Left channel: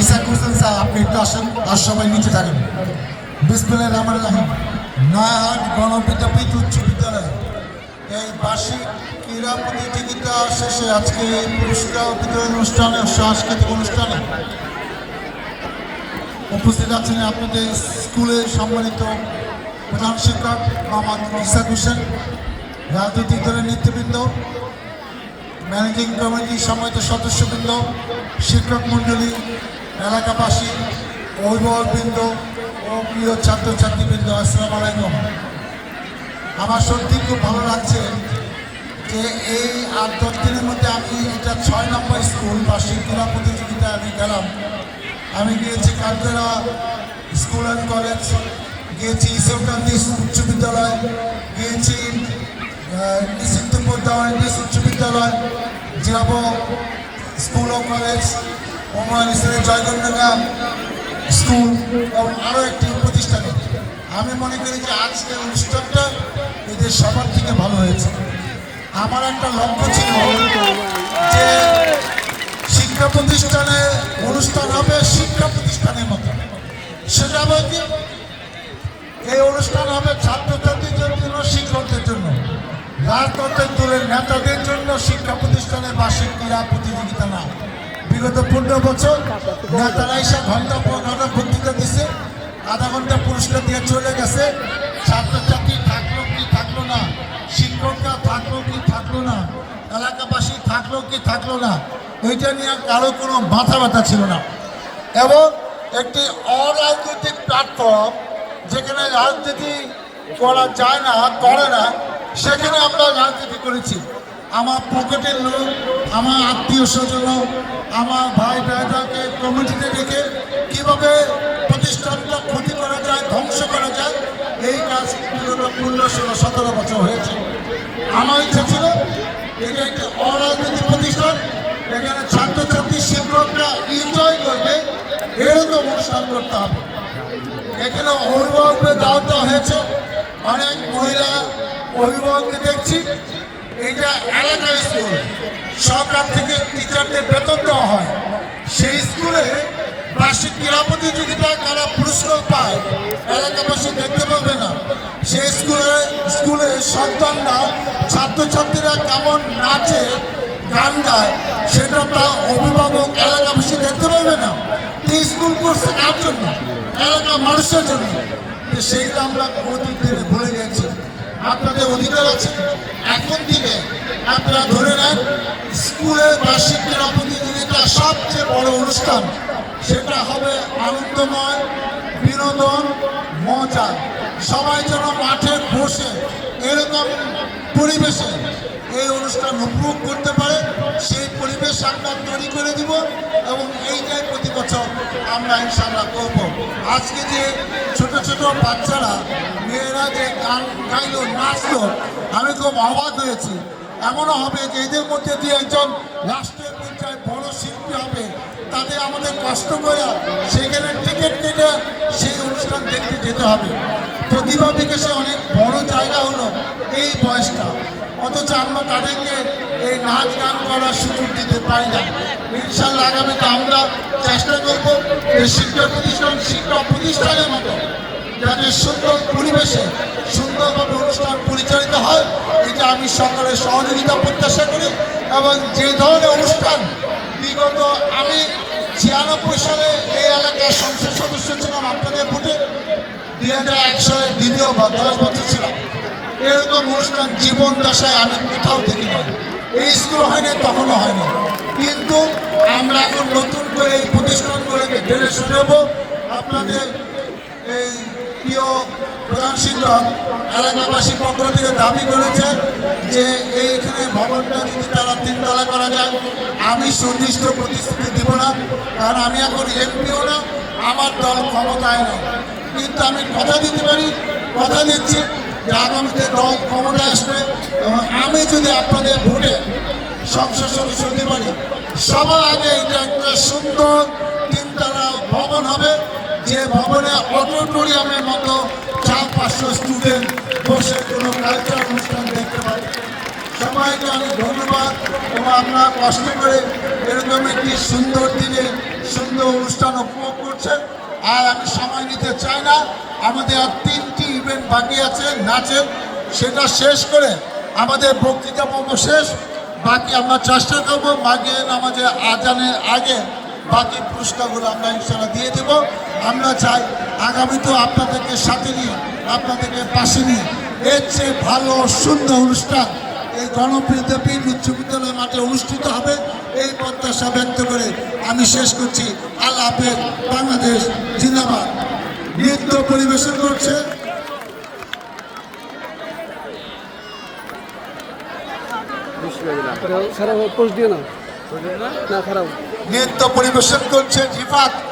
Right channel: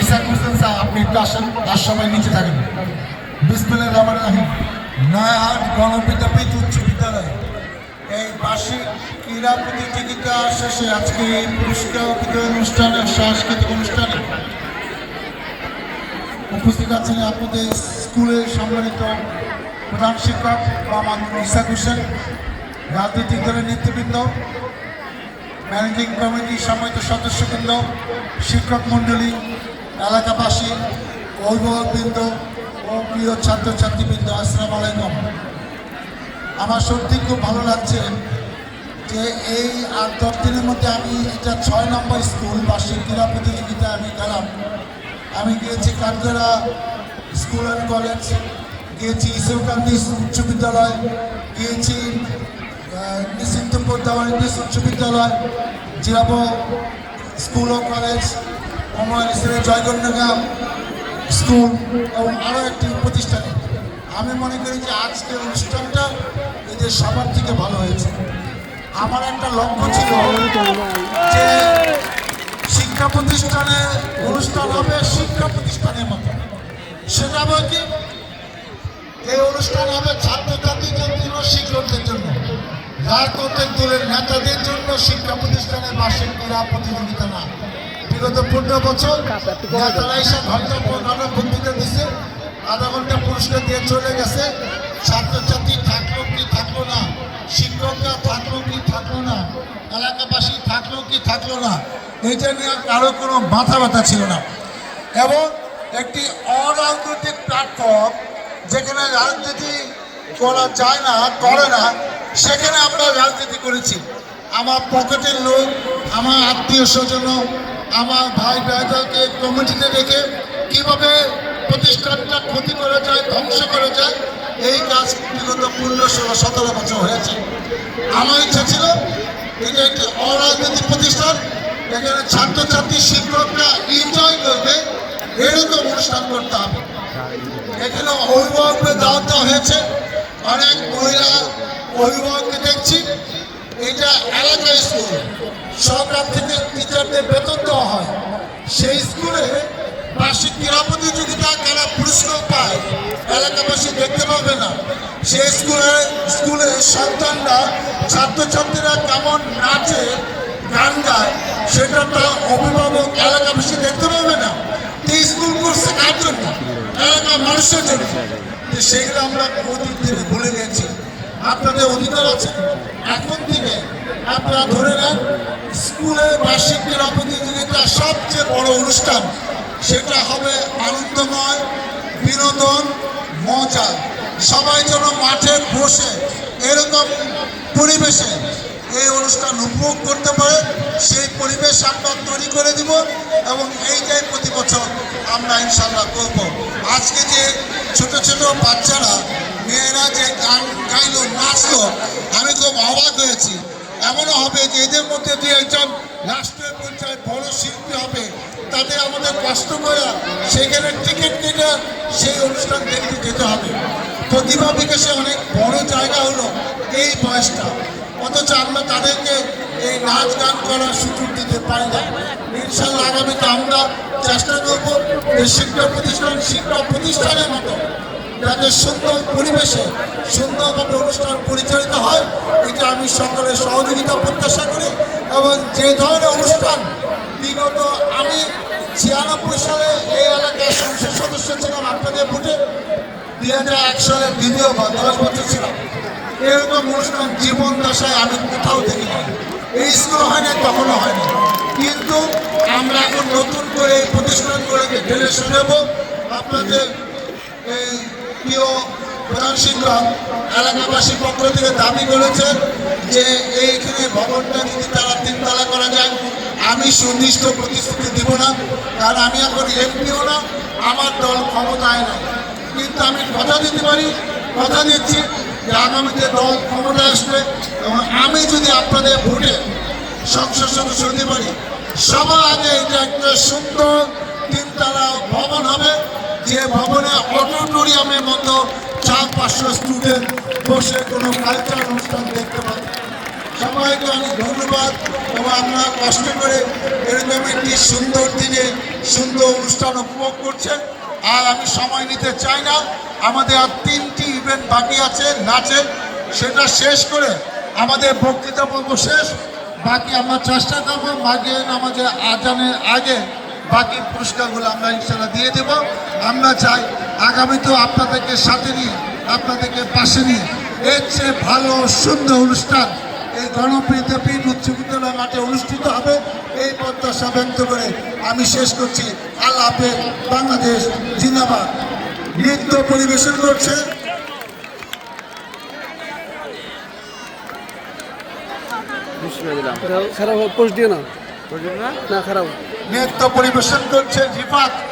Ishaq Hossain sir আপনি একটু আসেন, আর সবাই নিচে থাকেন। বিসমিল্লাহির রহমানির রহিম। নয়াহাট গণবিদ্যাপীঠ উচ্চ বিদ্যালয় এই বার্ষিক ক্রীড়া প্রতিযোগিতা শেষে আজকে এই পুরস্কার বিতরণ অনুষ্ঠানে, সাংস্কৃতিক অনুষ্ঠানে উপস্থিত আছেন আপনাদের স্কুলের সম্মানিত প্রধান শিক্ষক মোহাম্মদ ইসাক হোসেন, রাজনৈতিক দলের নেতৃবৃন্দ, ম্যানেজিং কমিটির সম্মানিত সদস্যবৃন্দ, শিক্ষক মণ্ডলী, এলাকাবাসী, অভিভাবকবৃন্দ ও প্রিয় ছাত্রছাত্রীবৃন্দ, আসসালামু আলাইকুম। আমার সত্যি খুব ভালো লাগছে যে এই ৮-১০ দিনের মধ্যে আমি এটা ৬ নম্বর স্কুল বার্ষিক ক্রীড়া প্রতিযোগিতায় আমি গেলাম। আমি গিয়েছি কালকেরা স্কুল অ্যান্ড কলেজ, গিয়েছি ঈশ্বরকান্দি উচ্চ বিদ্যালয়, গিয়েছি নিশ্চিন্তপুর দেওয়ান উচ্চ বিদ্যালয়, যাব স্কুল ও কলেজ, ওমান ইসলামের জয়গঞ্জা স্কুল এবং আরও একটি প্রতিষ্ঠানে। আমি মনে করি যে আজকের অনুষ্ঠানটা এদের সবার থেকে ভালো হয়েছে। আমার একটা লক্ষ্য ছিল যে শিক্ষা প্রতিষ্ঠানে অনুষ্ঠান হবে শিক্ষা প্রতিষ্ঠানের মতো। সেটা হবে কি, এই অনুষ্ঠান হবে ছাত্রছাত্রীদের জন্য, শিক্ষকদের জন্য, রাজনৈতিক দলের নেতাদের জন্য শিক্ষা প্রতিষ্ঠানের বার্ষিক ক্রীড়া প্রতিযোগিতা না। বিগত 15 বছর নেতারা এসে ঘন্টার পর ঘন্টা বক্তৃতা দিচ্ছে, আধা ঘন্টা পুরস্কার দিয়ে চলে গেছে। ছাত্রছাত্রী থাকলো কি থাকলো না, শিক্ষকরা থাকলো কি থাকলো না, এলাকাবাসী থাকলো কি থাকলো না, এইটা নিয়ে কারো কোনো মাথা ব্যথা ছিল না। এবং একটি অরাজনৈতিক প্ল্যাটফর্ম যেখানে রাজনীতি করা যায় না, করে না, সেখানে আমরা রাজনীতি করেছি। আমার পকেটের লোক, আমার আত্মীয় স্বজন, আমার ভাই ভাইদেরকে কমিটিতে রেখে কীভাবে প্রতিষ্ঠানটা ক্ষতি করা যায়, ধ্বংস করা যায়, এই কাজ বিগত 15-17 বছর হয়েছে। আমার ইচ্ছা ছিল এটা একটি অরাজনৈতিক প্রতিষ্ঠান, এখানে ছাত্রছাত্রী শিক্ষকরা এনজয় করবে, এরকম অনুষ্ঠান করতে হবে। এখানে অভিভাবকদের দাওয়াত দেওয়া হয়েছে, অনেক মহিলা অভিভাবককে দেখছি। এটা এলাকার স্কুল, সরকার থেকে টিচারদের বেতন দেওয়া হয়। সেই স্কুলে বার্ষিক ক্রীড়া প্রতিযোগিতায় যারা পুরস্কার পায় এলাকাবাসী দেখতে পাবে না। সেই স্কুলের সন্তানরা, ছাত্রছাত্রীরা কেমন নাচে গান গায়, সেটা তার অভিভাবক এলাকাবাসী দেখতে পাবে না। এই স্কুল করছে কার জন্য? এলাকার মানুষের জন্য। সেইগুলো আমরা বহুদিন থেকে ভুলে গেছি। আপনাদের অধিকার আছে, এখন থেকে আপনারা ধরে নেন স্কুলের বার্ষিক ক্রীড়া প্রতিযোগিতা সবচেয়ে বড় অনুষ্ঠান। সেটা হবে আনন্দময়, বিনোদন, মজা। সবাই যেন মাঠে বসে এরকম পরিবেশে এই অনুষ্ঠান উপভোগ করতে পারে, সেই পরিবেশ আমরা তৈরি করে দিব। এবং এইটাই প্রতি বছর আমরা ইনশাল্লাহ করব। আজকে যে ছোট ছোট বাচ্চারা, মেয়েরা যে গান গাইলো, নাচলো, আমি খুব অবাক হয়েছি। এমনও হবে যে এদের মধ্যে যে একজন রাষ্ট্রীয় পর্যায়ে বড় শিল্পী হবে, তাদের আমাদের কষ্ট করে সেখানে টিকিট কেটে সেই অনুষ্ঠান দেখতে যেতে হবে। প্রতিভা বিকাশে অনেক বড় জায়গা হলো এই বয়সটা, অথচ আমরা তাদেরকে এই নাচ গান করার সুযোগ দিতে পারি না। ইনশাল্লাহ আগামীতে আমরা চেষ্টা করব এই শিক্ষা প্রতিষ্ঠানের মতো যাতে সুন্দর পরিবেশে সুন্দরভাবে অনুষ্ঠান পরিচালিত হয়। এটা আমি সকলের সহযোগিতা প্রত্যাশা করি। এবং যে ধরনের অনুষ্ঠান বিগত আমি 96 সালে এই এলাকার সংসদ সদস্য ছিলাম, আপনাদের ভোটে 2001 সালে দ্বিতীয়বার 10 বছর ছিলাম, এরকম অনুষ্ঠান জীবন দশায় আমি কোথাও দেখি না। এই স্কুল হয়নি, তখনও হয়নি। কিন্তু আমরা এখন নতুন করে এই প্রতিষ্ঠানগুলোকে ঢেলে শুনবো। আপনাদের এই প্রিয় প্রধান শিক্ষক এলাকাবাসীর পক্ষ থেকে দাবি করেছে যে এইখানে ভবনটা যদি তারা 3 তলা করা যায়। আমি সুনির্দিষ্ট প্রতিশ্রুতি দিব না, কারণ আমি এখন এমপিও না, আমার দল ক্ষমতায় না। কিন্তু আমি কথা দিতে পারি, কথা দিচ্ছি যে আগামীতে দল ক্ষমতায় আসবে এবং আমি যদি আপনাদের ভোটে সংসদ সদস্য হতে পারি, সবার আগে এটা একটা সুন্দর 3 তলা ভবন হবে, যে ভবনে অডিটোরিয়ামের মতো 400-500 স্টুডেন্ট বসে কোনো কালচারাল অনুষ্ঠান দেখতে পারে। সবাইকে অনেক ধন্যবাদ এবং আমরা কষ্ট করে এরকম একটি সুন্দর দিনে সুন্দর অনুষ্ঠান উপভোগ করছেন। আর আমি সময় নিতে চাই না, আমাদের আর 3টি ইভেন্ট বাকি আছে নাচের, সেটা শেষ করে আমাদের বক্তৃতা পর্ব শেষ। বাকি আমরা চেষ্টা করবো মাগরিব নামাজের আজানের আগে বাকি পুরস্কারগুলো আমরা ইনশাআল্লাহ দিয়ে দেব। আমরা চাই আগামীতেও আপনাদেরকে সাথে নিয়ে, আপনাদেরকে পাশে নিয়ে এর চেয়ে ভালো সুন্দর অনুষ্ঠান এই গণবিদ্যাপীঠ উচ্চ বিদ্যালয় মাঠে অনুষ্ঠিত হবে, এই প্রত্যাশা ব্যক্ত করে আমি শেষ করছি। আল্লাহ হাফেজ। বাংলাদেশ জিন্দাবাদ। নৃত্য পরিবেশন করছে খারাপ পোস্ট দিও না, খারাপ নৃত্য পরিবেশন করছে রিফাত।